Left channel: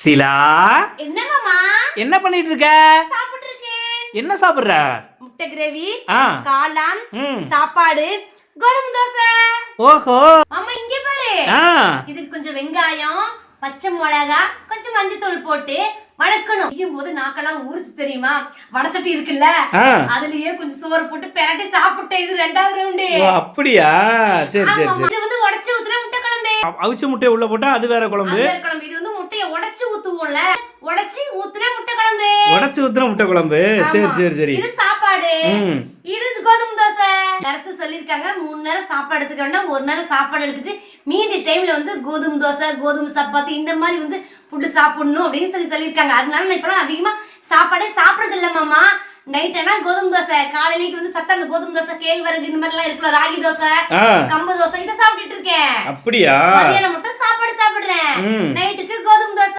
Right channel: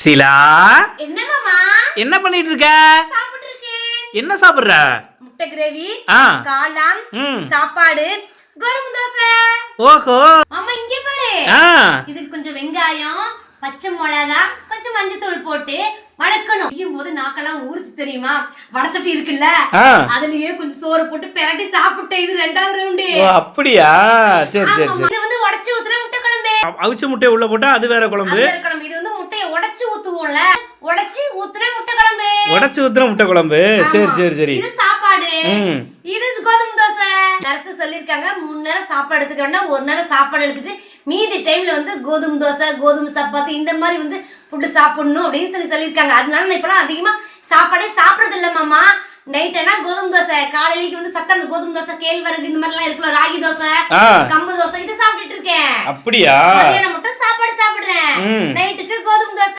ஷீலா, என்ன மாமா? என்ன பண்ணிட்டு இருக்க? சாப்பிட்டு இருக்கேன். என்ன சாப்பிடுற? முட்டை கிரேவி, ஆ. காளான், ம். சாப்பாடு, கோதுமை தோசை. ஓஹோ. மாமா இங்க பாரு. ஆ. இதுக்கு கொஞ்சம் வெங்காயம், பச்சை மிளகா, கொஞ்சம் மஞ்சத்தூள் போட்டு வதக்கணும். செய்யும் போது நாக்கெல்லாம் ஊறிச்சு தெரியுமா? வடசட்டி இருக்குல்ல, ஆ. அதுலயே கொஞ்சம் சோறு போட்டு பெரட்டி சாப்பிட்டேன். இது 2வது ரவுண்டு. ஓ அப்படியா? சரி சரி சரி. இது வந்து உடைச்சு ஊத்துன முட்டை குழம்பு. அவிச்ச முட்டையை உள்ள போட்டா அது வேற குழம்பு. அது வேற குழம்பு. இது வந்து முட்டையை உடைச்சு ஊத்துவோம்ல, உடைச்சு ஊத்துன முட்டை குழம்பு. உடைச்சு ஊத்துற முட்டை குழம்பு. சரி சரி சரி. இது சாப்பாடு. ம். இது கோதுமை தோசை. நர்ஸ் சொல்லிருக்காங்க 3 நேரம் சாப்பாடு எடுத்துக்கணும்னா 1 நேரம் சாப்பாடு எடுத்துட்டு மீதி டைம்ல வந்து கோதுமை தோசை, கோதுமை சப்பாத்தி இந்த மாதிரி வந்து ஃபுட்டு சாப்பிடணும் அப்படின்னு சொல்லியிருக்காங்க. அதனால நான் இப்பெல்லாம் அதிகமா சாப்பாடே சாப்பிடறது இல்ல மாமா. நைட் எல்லாம் கோதுமை தோசை, காலையிலேக்கு வந்து சத்தம் அந்த கோதுமை தோசை, கேழ்வரகு இந்த மாதிரி எல்லாம் இருக்குல்ல, ராகி தோசை, ஆ. கம்பு தோசை இதை சாப்பிட்டுட்டு இருக்கேன். அப்படியா? மதியானம் மட்டும் சாப்பாடு சாப்பிடுறேன். ம். நைட்டுக்கு கோதுமை தோசை.